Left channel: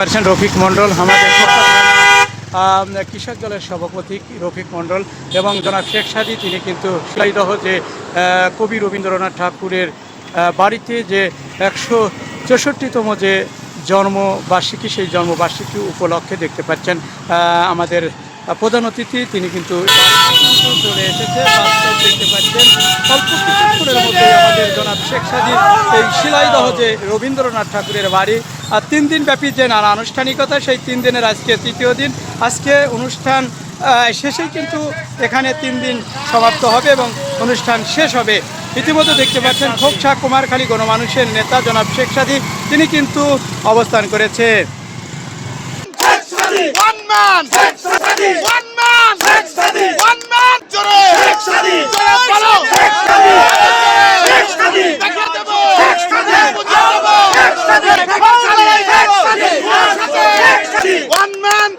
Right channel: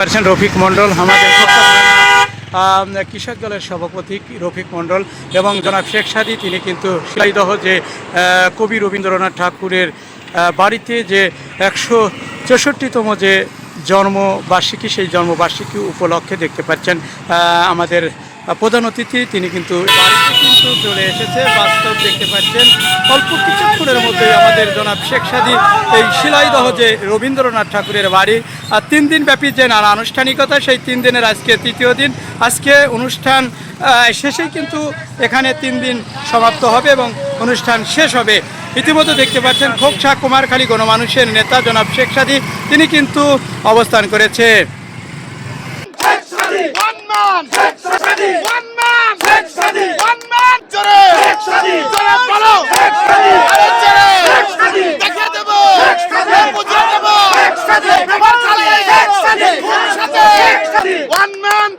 রফিক মণ্ডল আমাদের কৃষক দলের সভাপতি রফিক মণ্ডল এবং জনাব শেখ সাদী তিনি কিন্তু শিলাইদহ যে কবি রবীন্দ্রনাথ ঠাকুরের বাড়িতে যে 164তম যে জন্মবার্ষিকী সেই জন্মবার্ষিকী উপলক্ষে দেখতে পাচ্ছেন আমাদের প্রধান অতিথি তিনি কিন্তু চলে এসেছে। বাস্তব দেখতে পাচ্ছেন অল্প কিছুক্ষণের মধ্যে আমাদের জনাব শেখ সাদী এই শিলাইদহ যে রবীন্দ্রনাথ ঠাকুরের বাড়ি আর 3 দিন ব্যাপী যে নানা আনুষ্ঠানিকতা সেই 3 দিনের আজকে তৃতীয় দিন। আজকে অনুষ্ঠান শেষেই কিন্তু এখানে 3 দিন সমাপ্ত হবে এবং অনুষ্ঠান শেষ হবে। ইতিমধ্যে দেখতে পাচ্ছেন খোকসা কুমারখালী গণমানুষের নেতা জনাব শেখ সাদী তিনি কিন্তু অবস্থান করেছে। One man